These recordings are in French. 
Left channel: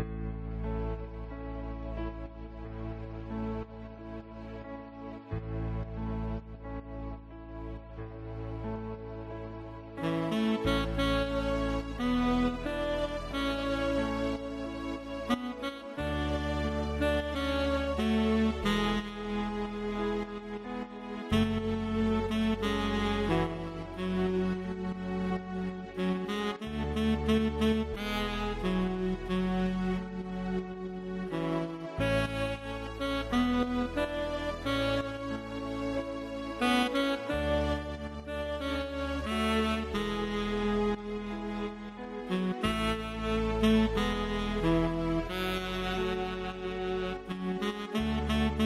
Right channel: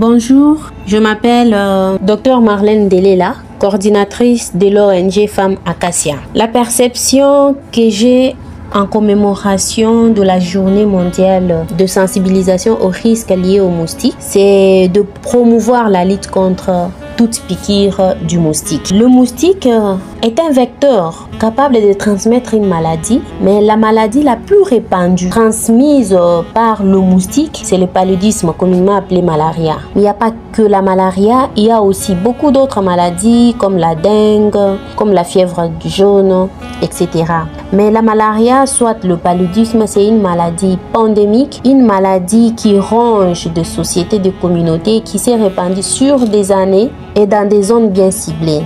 Bonjour, je m'appelle Dr Marlène Delela, coordinatrice de l'ONG Femmes Acacia. La perception que j'ai en commémoration de la journée mondiale de sensibilisation aux risques liés aux moustiques, c'est de promouvoir la lutte contre toute piqûre du moustique. Le moustique est un vecteur capable de transmettre une maladie, mais la maladie la plus répandue transmise par le moustique, c'est le paludisme, communément appelé malaria. Il n'y a pas que la malaria, il y a aussi beaucoup d'autres maladies comme la dengue, comme la fièvre jaune, etc. Mais la malaria, soit le paludisme, c'est une maladie pandémique, une maladie qui ronge des sociétés, des communautés, qui s'est répandue sur des années et dans des zones bien ciblées.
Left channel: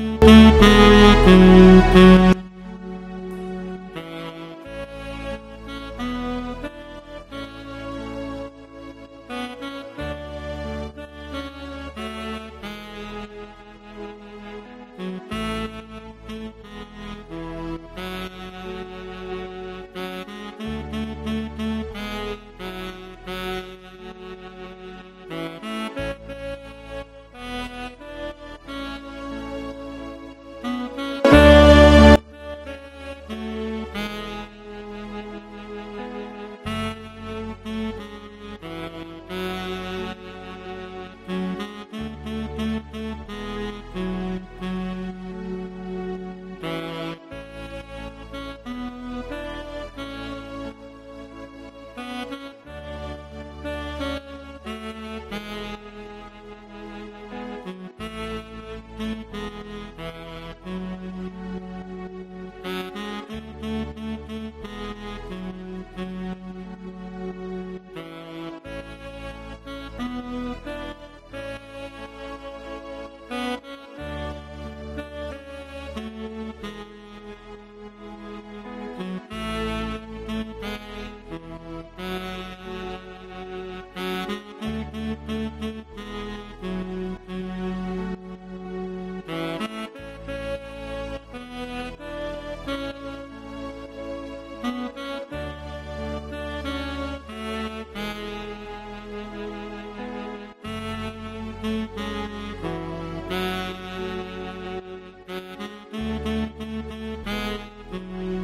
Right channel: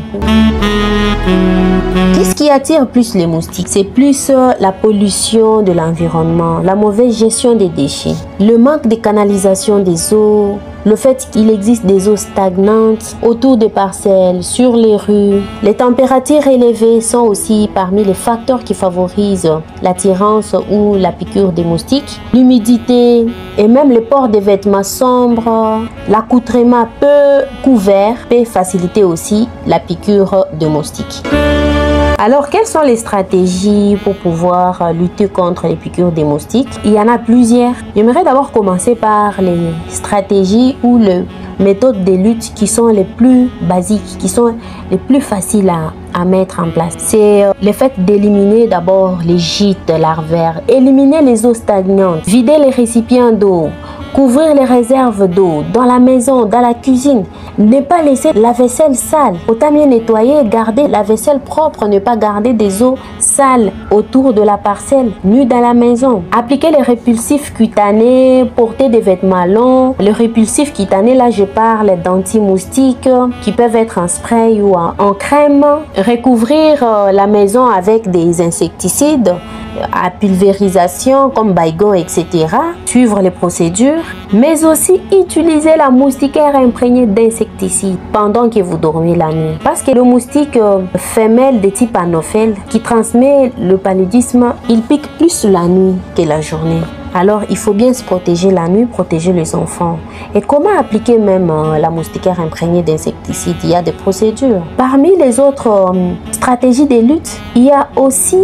Qu'est-ce qui attire plus les moustiques? C'est plus la pollution de l'environnement, la mauvaise gestion des déchets, le manque de canalisation des eaux, le fait qu'il existe des eaux stagnantes autour des parcelles, sur les rues. Les températures élevées sont aussi parmi les facteurs qui favorisent l'attirance ou la piqûre des moustiques. L'humidité et même le port des vêtements sombres, l'accoutrement peu couvert peut faciliter aussi la piqûre de moustiques. Alors, quelles sont les stratégies pour pouvoir lutter contre les piqûres des moustiques? Il y en a plusieurs. J'aimerais d'abord commencer par les stratégies ou les méthodes de lutte qui sont les plus basiques, qui sont les plus faciles à mettre en place. C'est le fait d'éliminer d'abord les gîtes larvaires, éliminer les eaux stagnantes, vider les récipients d'eau, couvrir les réserves d'eau dans la maison, dans la cuisine. Ne pas laisser la vaisselle sale. Autant mieux nettoyer, garder la vaisselle propre, ne pas garder des eaux sales autour de la parcelle, ni dans la maison. Appliquer les répulsifs cutanés, porter des vêtements longs. Les répulsifs cutanés, là je parle d'anti-moustiques qui peuvent être en spray ou en crème. Recouvrir la maison avec des insecticides à pulvérisation comme Baygon, etc. Suivre les procédures, mais aussi utiliser la moustiquaire imprégnée d'insecticides pendant que vous dormez la nuit. Parce que le moustique femelle de type anophèle qui transmet le paludisme, il pique plus la nuit que la journée. Alors, il faut bien se protéger la nuit, protéger les enfants. Et comment appliquer même la moustiquaire imprégnée d'insecticides? Il y a des procédures. Parmi les autres stratégies de lutte, il y a aussi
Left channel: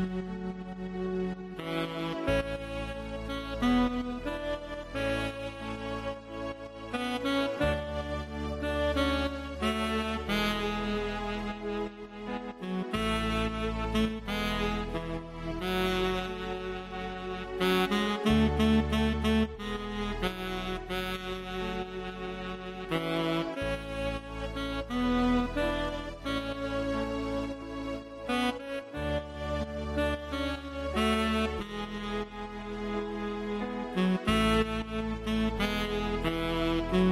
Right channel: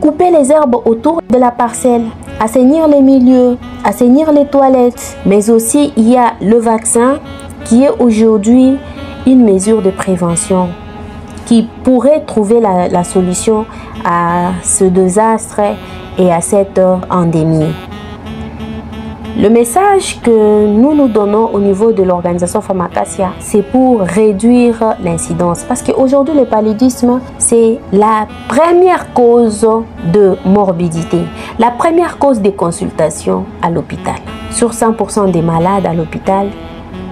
couper les herbes autour de la parcelle, assainir les milieux, assainir les toilettes. Mais aussi, il y a le vaccin qui est aujourd'hui une mesure de prévention qui pourrait trouver la solution à ce désastre et à cette endémie. Le message que nous donnons au niveau de l'organisation Femmes Acacia, c'est pour réduire l'incidence. Parce qu'aujourd'hui, le paludisme, c'est la première cause de morbidité, la première cause de consultation à l'hôpital. Sur 100% des malades à l'hôpital,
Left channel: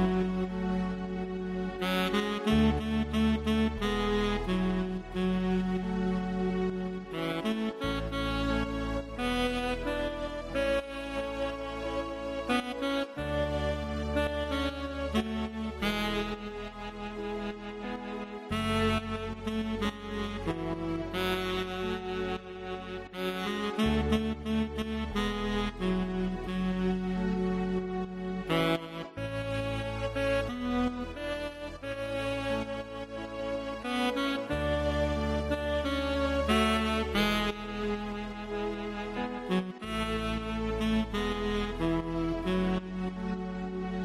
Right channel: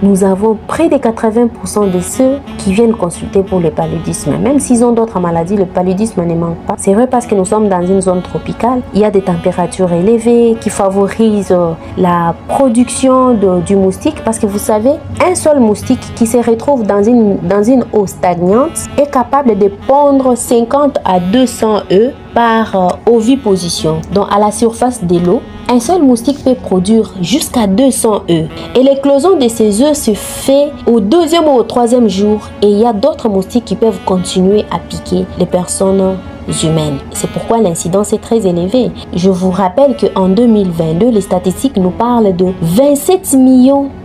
nous avons près de 80% de ceux qui viennent consulter pour le paludisme. Même s'ils ont d'autres maladies, le paludisme ne manque pas. C'est vrai parce que nous sommes dans une zone tropicale. Il y a des températures élevées qui favorisent la production du moustique. Parce que vous savez, un seul moustique qui se retrouve dans une eau stagnante est capable de pondre 50 à 200 œufs par oviposition. Donc à la surface de l'eau, un seul moustique peut produire jusqu'à 200 œufs. Et l'éclosion de ces œufs se fait au deuxième ou au troisième jour. Et il y a d'autres moustiques qui peuvent continuer à piquer les personnes humaines. C'est pourquoi l'incidence est très élevée. Je vous rappelle qu'en 2022, les statistiques nous parlent de 27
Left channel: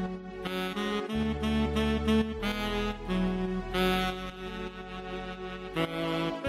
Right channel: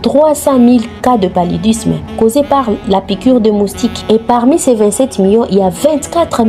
300 000 cas de paludisme causés par la piqûre de moustiques. Et parmi ces 27 millions, il y a 24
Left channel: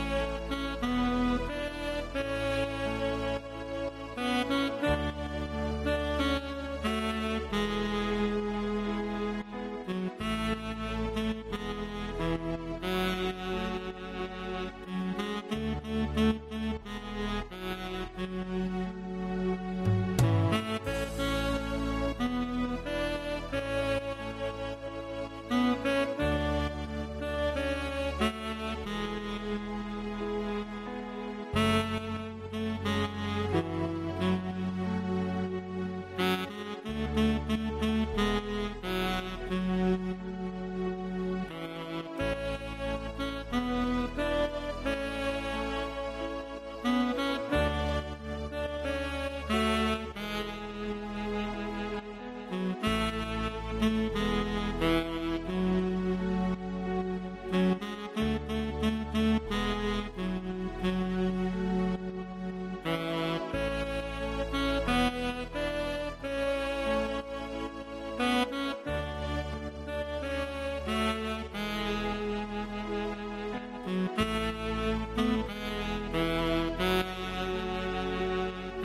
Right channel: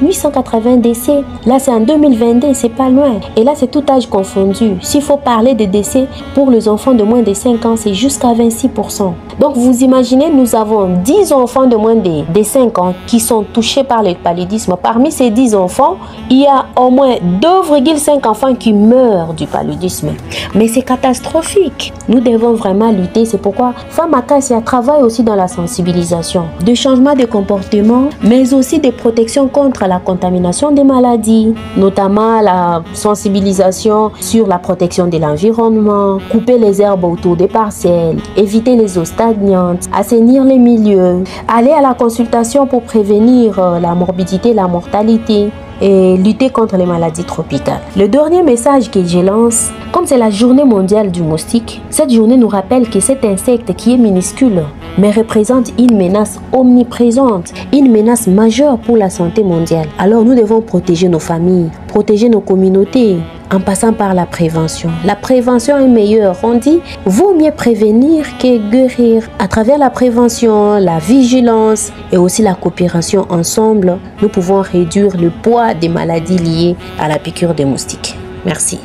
880 décès. Là, c'est en 2022, c'est pas loin. Et là, c'est tout âge confondu. S'il faut parler de décès pour les enfants de moins de 5 ans, c'est jusqu'à 26%. Donc, vous imaginez, nous avons 10 enfants de moins de 5 ans qui sont touchés par le paludisme. Parmi ces 10 enfants, il y a au moins 2,5 enfants qui meurent du paludisme. Mais c'est catastrophique. Nous devons vraiment lutter. C'est pourquoi Femmes Acacia travaille aussi dans la sensibilisation, de changement de comportement, mais aussi de protection contre la contamination des maladies, notamment la sensibilisation sur la protection de l'environnement, couper les herbes autour des parcelles, éviter les eaux stagnantes, assainir les milieux, aller à la consultation pour prévenir la morbidité, la mortalité, et lutter contre les maladies tropicales. Le dernier message que je lance, comme c'est la journée mondiale du moustique, cette journée nous rappelle que cet insecte qui est minuscule, mais représente une menace omniprésente, une menace majeure pour la santé mondiale. Alors nous devons protéger nos familles, protéger nos communautés en passant par la prévention. La prévention est meilleure. On dit, vaut mieux prévenir que guérir. À travers la prévention, la vigilance et aussi la coopération ensemble, nous pouvons réduire le poids des maladies liées à la piqûre des moustiques. Merci.